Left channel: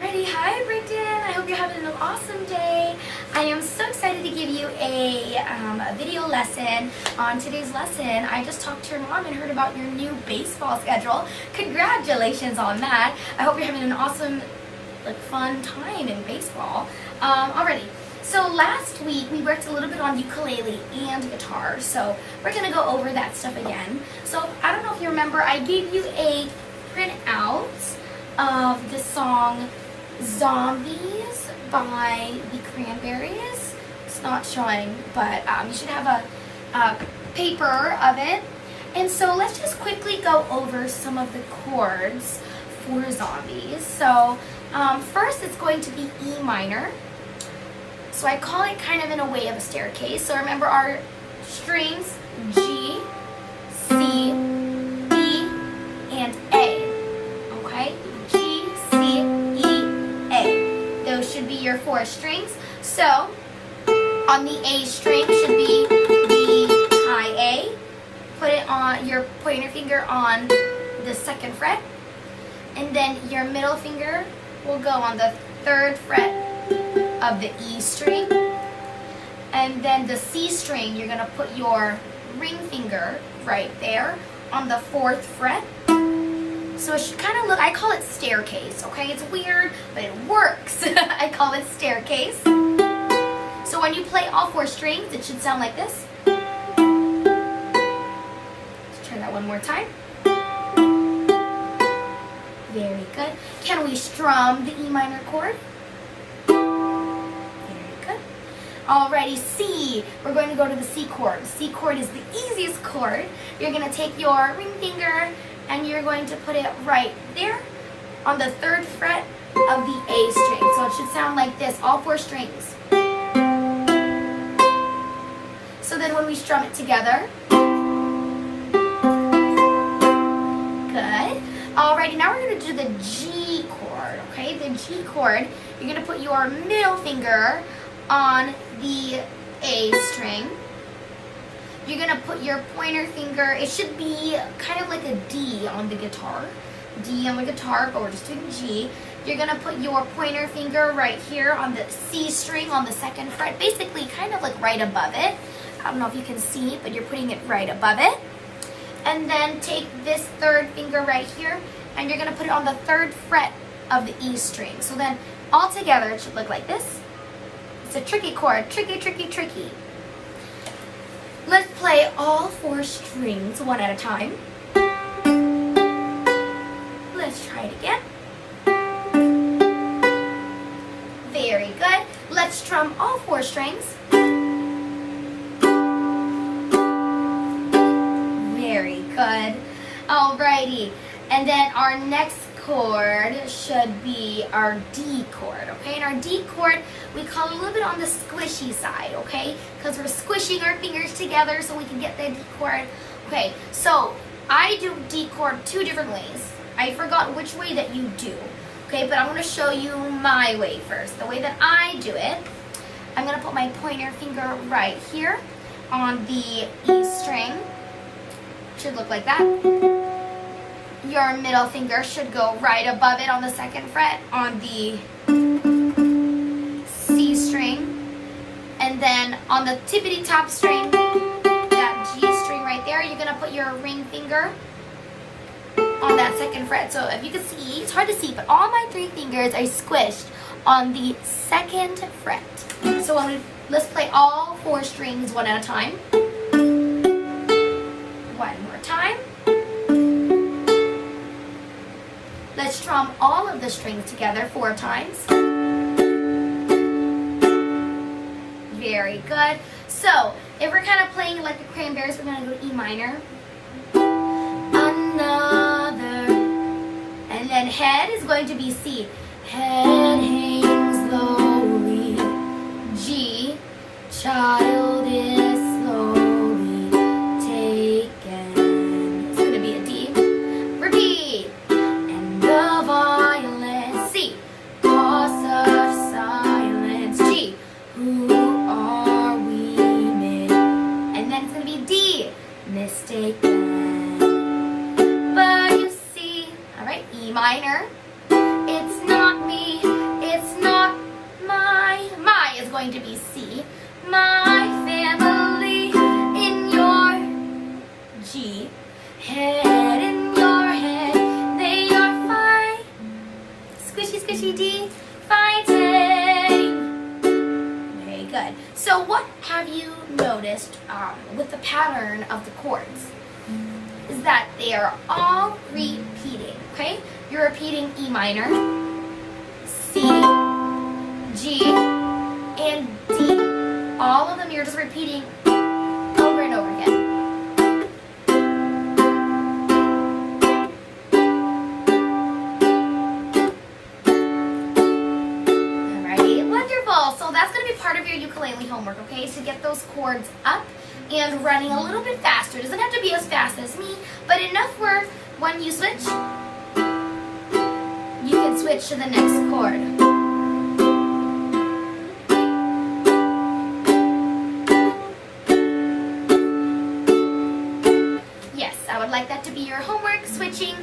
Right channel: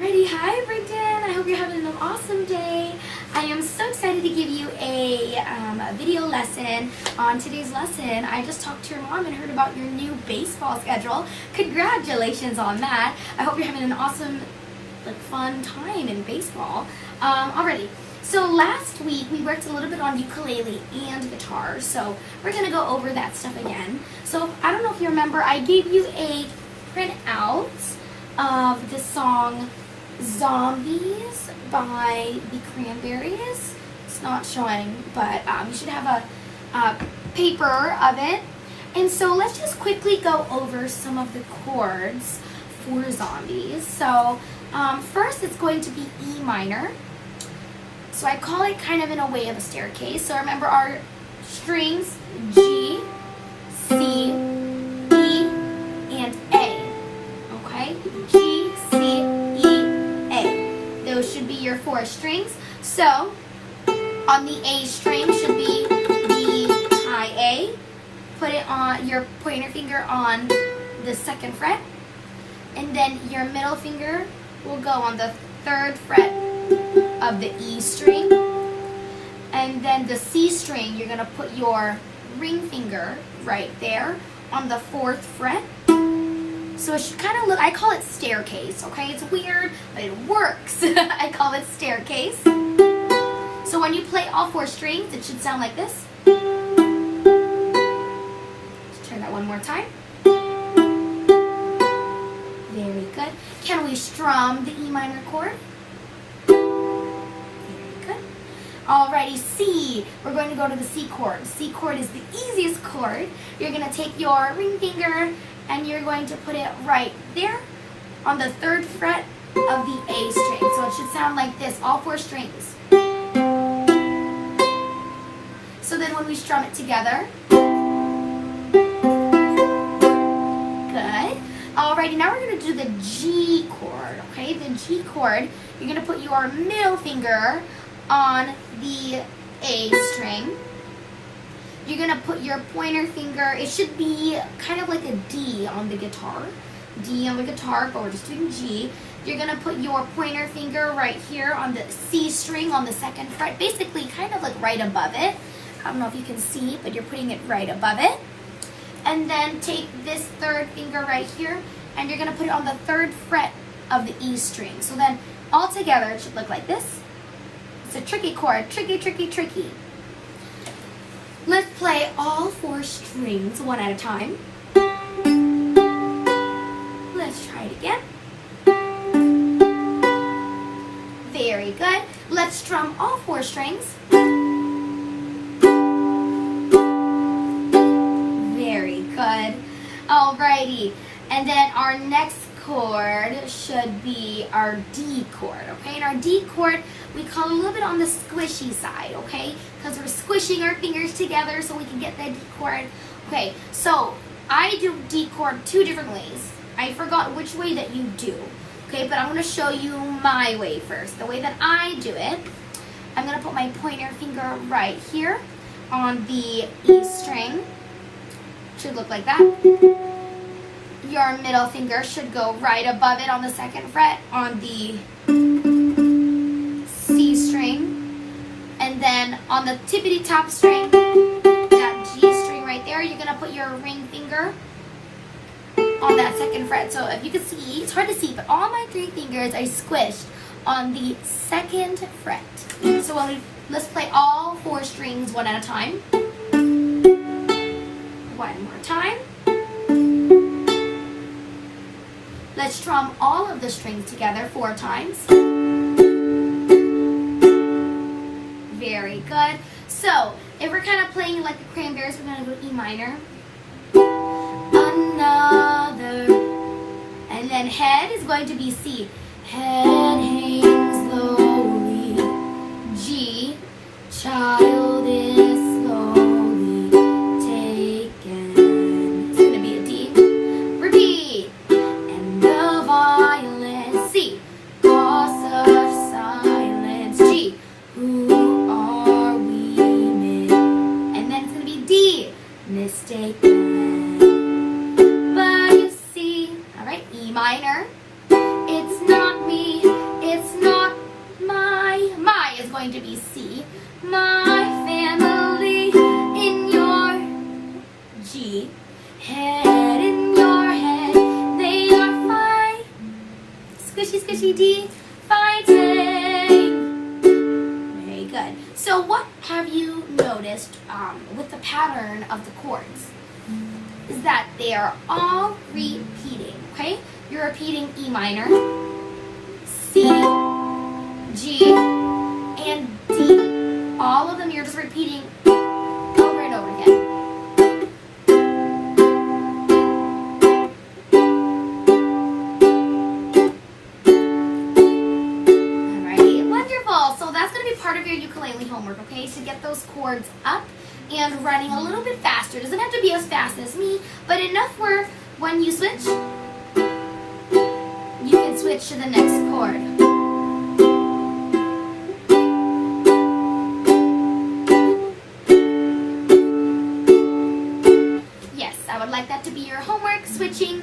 Alrighty, hi Brigdon. I hope you're having an awesome day. I am so excited to give you a video lesson. On today's lesson, I just talked to your mom and heard about your new baseball schedule. Congratulations on that. I hope you're having an awesome, fun time in baseball. Alrighty. So last week we worked a little bit on ukulele and guitar. So we're gonna go over that stuff again. So I don't know if you remember, I gave you a printout of the song Zombies by the Cranberries. It's not showing, but you should have a paper of it. And so let's just quickly go over some of the chords for Zombies. So first it's going to be E minor. So I call it kind of in a way of a staircase. So remember our strings, G, C, E, and A. Okay? G, C, E, A. Those should be your four strings. So on the A string should be the high A. Put it on your pointer finger on the second fret. And then your middle finger will go on the third fret of the E string. And then the C string, you're gonna put your ring finger right there on the fourth fret. So it should kind of look, I call it staircase, okay? It's weird, but it works. I call it staircase. So when you play all four strings, it should sound like this. Let's turn that one more time. Very good. Can we strum the E minor chord? Alrighty, C. We're going to go to the C chord. C chord is the easiest chord. You're going to take your ring finger and you're going to put it right there on the third fret of the A string. So it should sound like this, all four strings. So then when we strum it together, good. Alrighty, now we're going to do the G chord, okay? The G chord, you're going to put your middle finger on the A string. You're going to put your pointer finger, it should be kind of like a D on the guitar. D on the guitar, but we're just doing G. You're going to put your pointer finger right here on the C string on the second fret, basically kind of like right above it. I don't know if you can see, but you're putting it right above it. And then take this third finger right here, and you're going to put it on the third fret of the E string. So then all together it should look like this. It's a tricky chord, tricky, tricky, tricky. Let's play all four strings one at a time. Let's try it again. Very good. Let's strum all four strings. Very good. Alrighty. And then our next chord should be our D chord, okay? And our D chord, we call it a little bit on the squishy side, okay? Because we're squishing our fingers together so we can get the D chord. Okay, so I do D chord two different ways. I forgot which way that you do, okay? But I'm going to show you my way first. The way that I do it, I'm going to put my pointer finger right here on the E string. Should look like that. Your middle finger should go right above it on the second fret on the C string. And then on the tippity top string, that G string right there, you're going to put your ring finger on that second fret. So if you can see, it's hard to see, but all my three fingers are squished on the second fret. So let's play all four strings one at a time. One more time. Let's strum all of the strings together 4 times. Very good. So, if we're kind of playing like the Cranberries, we're going to go E minor. Another. And then head is going to be C. Head hangs slowly. G. Child is slowly taken. It's going to be a D. Repeat. But you see, all right, E minor, it's not me. going to be C. My family in your G. Head in your head, they are fine. Squishy, squishy D, fighting. Very good. So what have you noticed with the pattern of the chords? Is that they are all repeating, okay? You're repeating E minor, C, G, and D. All of them you're just repeating over and over again. Alrighty, wonderful. So that's going to be part of your ukulele homework, okay? To get those chords up and running a little bit faster. It doesn't have to be as fast as me, but enough where when you switch, you can switch to the next chord. Yes, I would like that to be your homework, switching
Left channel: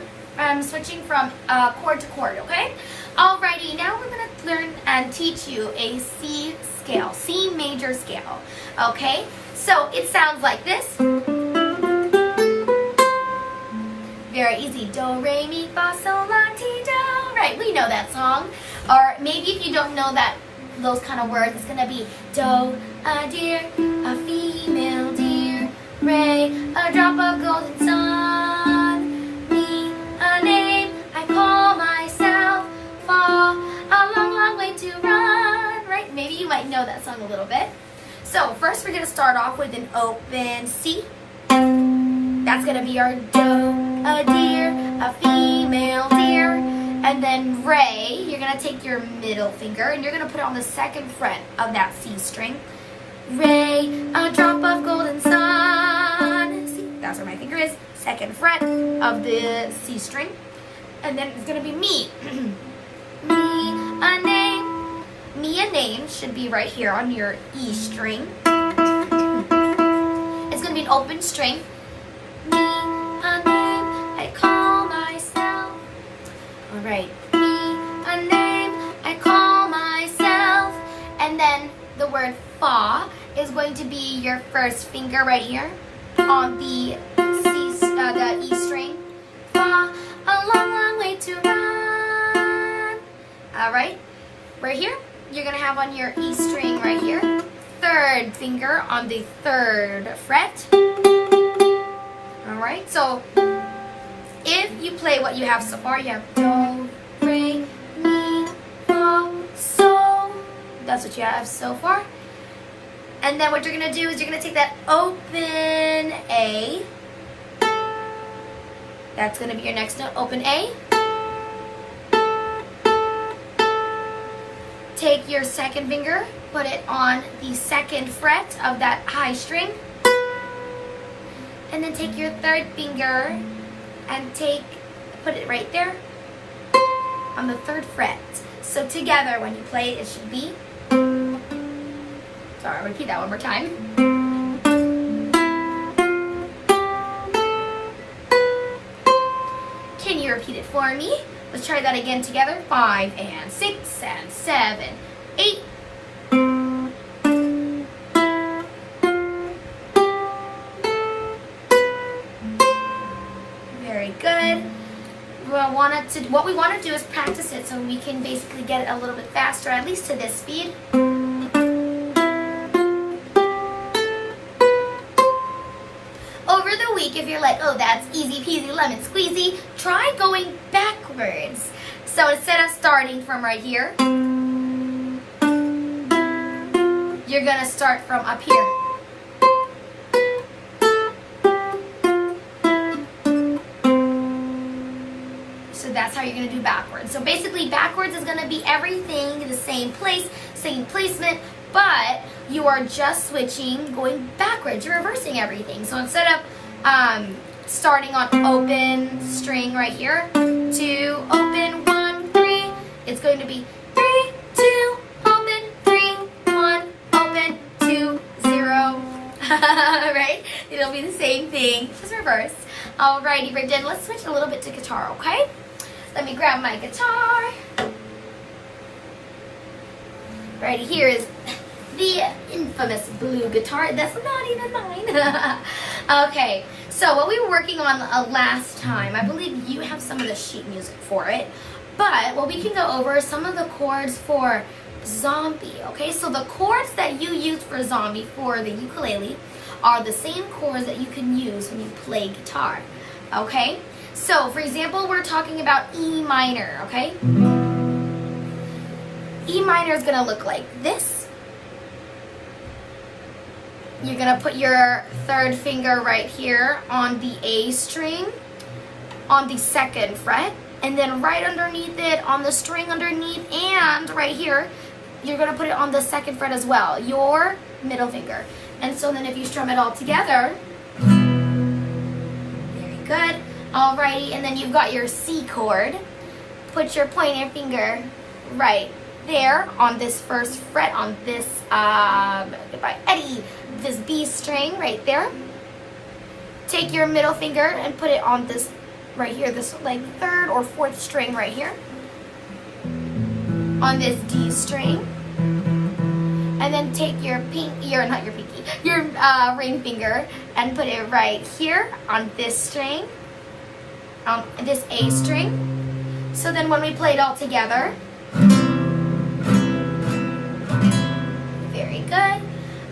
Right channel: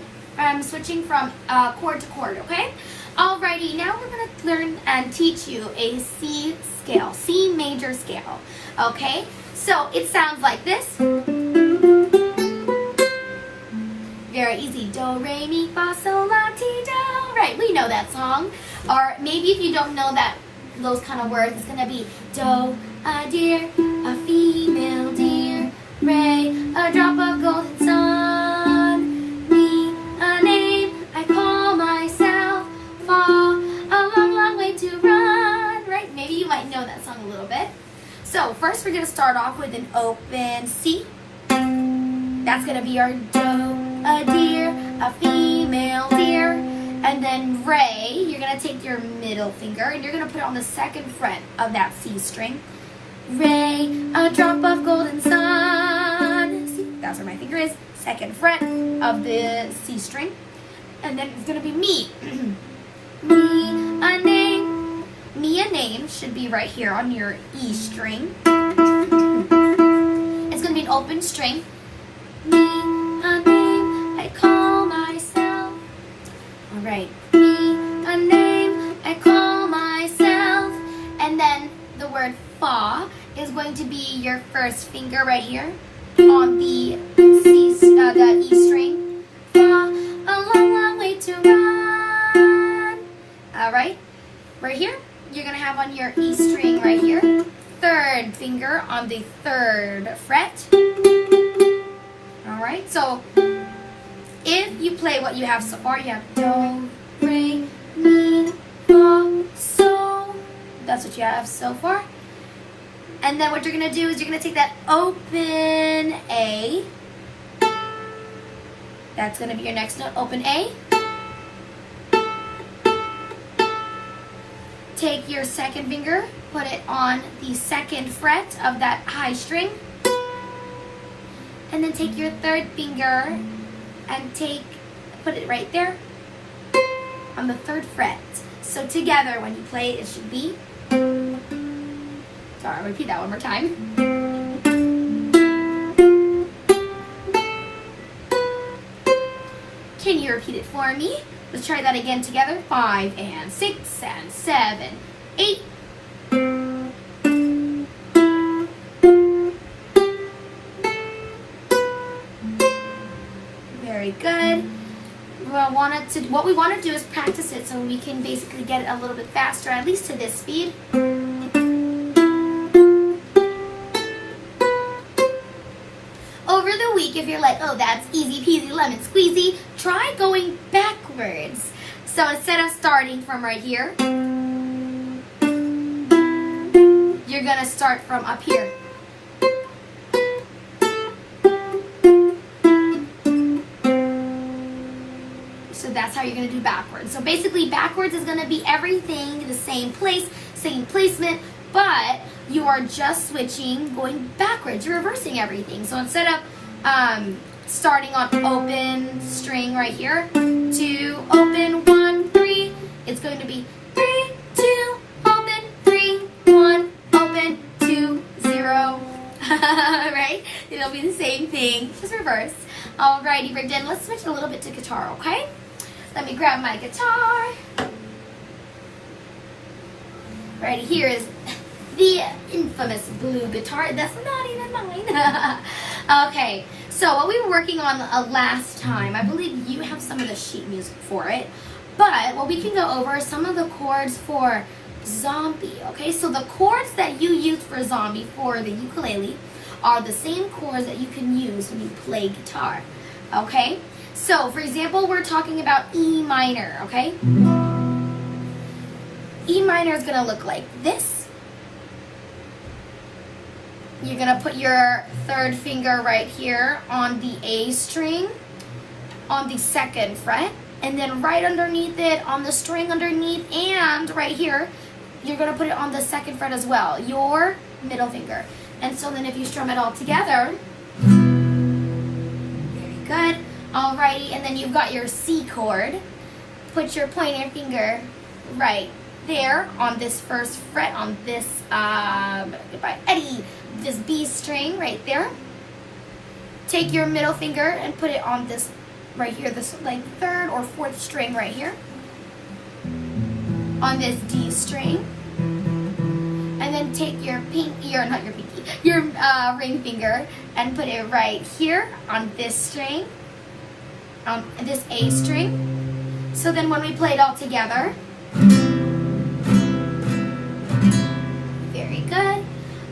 from chord to chord, okay? Alrighty, now we're going to learn and teach you a C scale, C major scale, okay? So it sounds like this. Very easy. Do, re, mi, fa, sol, la, ti, do. Right, we know that song. Or maybe if you don't know those kind of words, it's going to be do, a deer, a female deer, re, a drop of golden sun, mi, a name I call myself, fa, a long, long way to run. Right, maybe you might know that song a little bit. So first we're going to start off with an open C. That's going to be our do, a deer, a female deer. And then re, you're going to take your middle finger and you're going to put it on the second fret of that C string. Re, a drop of golden sun. See, that's where my finger is. Second fret of the C string. And then it's going to be me. Me, a name. Me, a name should be right here on your E string. It's going to be an open string. Me, a name, I call myself. All right. Me, a name, I call myself. And then the word fa is going to be your first finger right here on the the E string. Fa, a long, long way to run. All right. Right here. You're going to have on your E string right here, third finger on the third fret. All right, so if you play what you have so far, you have do, re, mi, fa, sol. That's what you have so far. And then what you're going to do is you're going to take that open A. That's going to be your next note, open A. Take your second finger, put it on the second fret of that high string. And then take your third finger and put it right there on the third fret. So together when you play it, it should be, sorry, I'll repeat that one more time. Can you repeat it for me? Let's try that again together. 5 and 6 and 7, 8. Very good. What we want to do is practice it so we can basically get it a little bit faster, at least to this speed. Over the week, if you're like, oh, that's easy peasy lemon squeezy, try going backwards. So instead of starting from right here, you're going to start from up here. So that's how you're going to do backwards. So basically backwards is going to be everything in the same place, same placement, but you are just switching, going backwards. You're reversing everything. So instead of starting on open string right here to open 1, 3, it's going to be 3, 2, open, 3, 1, open, 2, 0. Right? It'll be the same thing, just reverse. Alrighty, Brigdon, let's switch a little bit to guitar, okay? Let me grab my guitar. Right here is the infamous blue guitar. That's not even mine. Okay, so what we were working on last time, I believe you have some of the sheet music for it, but what we can go over is some of the chords for Zombie, okay? So the chords that you use for Zombie for the ukulele are the same chords that you can use when you play guitar, okay? So, for example, we're talking about E minor, okay? E minor is going to look like this. You're going to put your third finger right here on the A string, on the second fret, and then right underneath it, on the string underneath, and right here, you're going to put it on the second fret as well, your middle finger. And so then if you strum it all together, very good. Alrighty, and then you've got your C chord. Put your pointer finger right there on this first fret, on this, goodbye, Eddie, this B string right there. Take your middle finger and put it on this right here, this like third or fourth string right here, on this D string. And then take your your ring finger and put it right here on this string, this A string. So then when we play it all together, very good.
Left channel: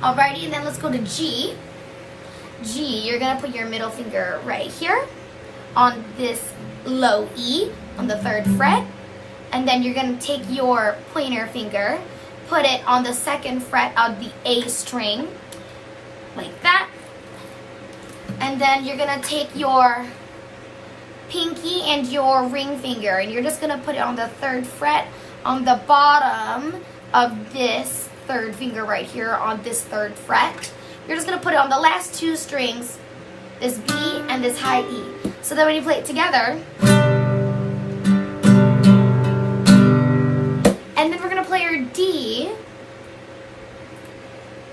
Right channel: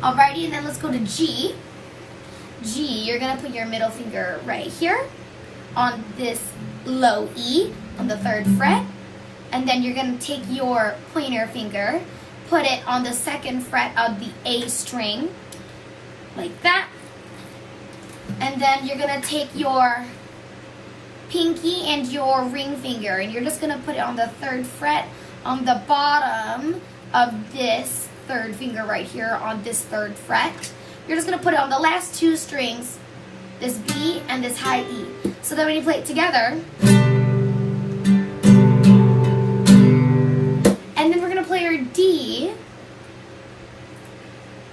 Alrighty, and then let's go to G. G, you're gonna put your middle finger right here on this low E on the third fret, and then you're gonna take your pointer finger, put it on the second fret of the A string, like that. And then you're gonna take your pinky and your ring finger, and you're just gonna put it on the third fret on the bottom of this third finger right here on this third fret. You're just gonna put it on the last two strings, this B and this high E. So then when you play it together, and then we're gonna play our D.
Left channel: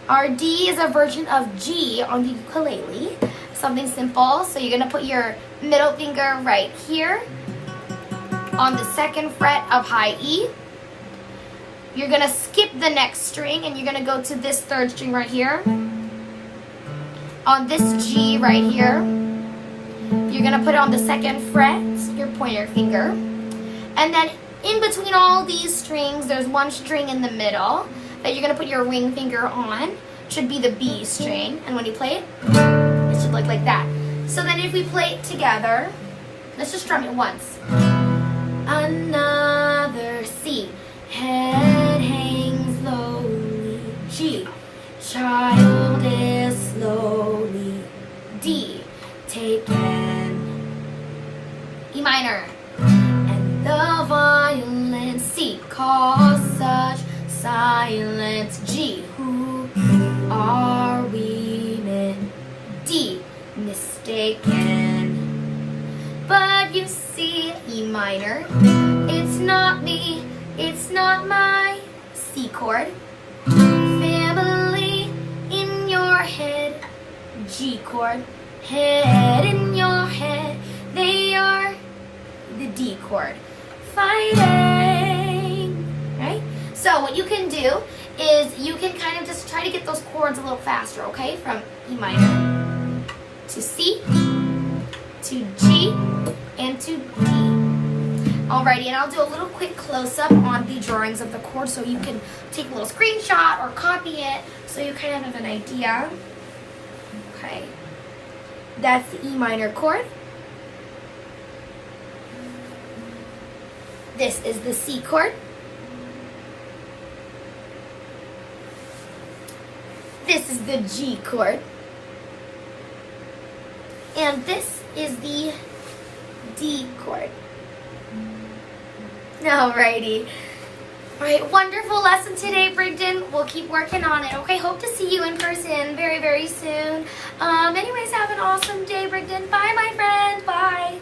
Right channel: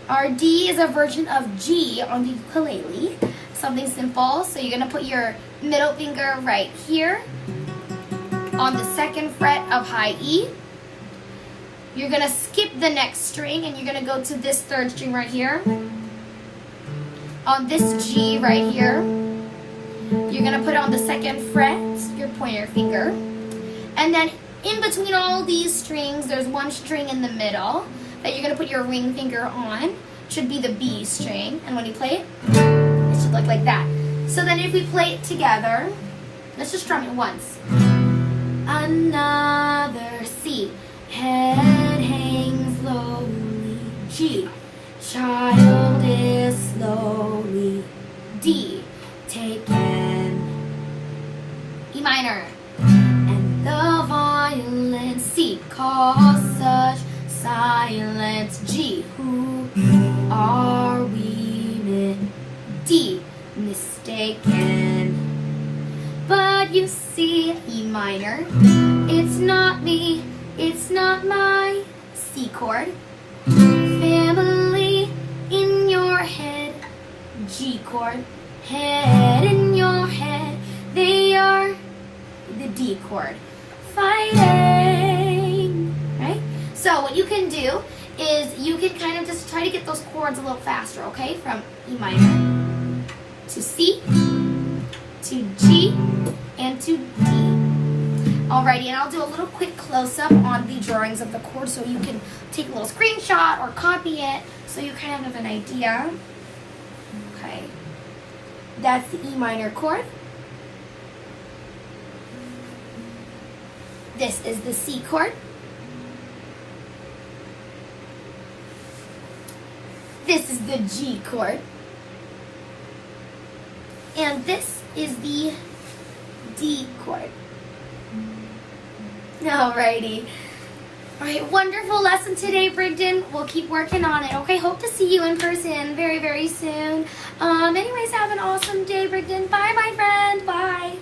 Our D is a version of G on the ukulele. Something simple. So you're gonna put your middle finger right here on the second fret of high E. You're gonna skip the next string and you're gonna go to this third string right here. On this G right here, you're gonna put it on the second fret, your pointer finger. And then in between all these strings, there's one string in the middle that you're gonna put your ring finger on. Should be the B string. And when you play it, it should look like that. So then if we play it together, let's just strum it once. Another C. Head hangs slowly. G. Child is slowly. D. Taken. E minor. And the violent C. Cause such silence. G. Who are we in? D. Mistaken. But you see, E minor, it's not me, it's not my C chord. Family in your head, G chord. Head in your head, they are the D chord. Fighting, right? So what you can do is you can kind of just try to get those chords a little faster, okay? From E minor to C, to G, and to D. Alrighty, and I'll do a little quick close-up on the drawings of the chords so you can take a little screenshot or copy it so you kind of have an idea. Okay, that's the E minor chord. This is the C chord. This is the G chord. And this is the D chord. Alrighty. Alright, wonderful lesson today, Brigdon. We'll keep working on it. Okay, hope to see you in person very, very soon. Anyways, have an awesome day, Brigdon. Bye, my friend. Bye.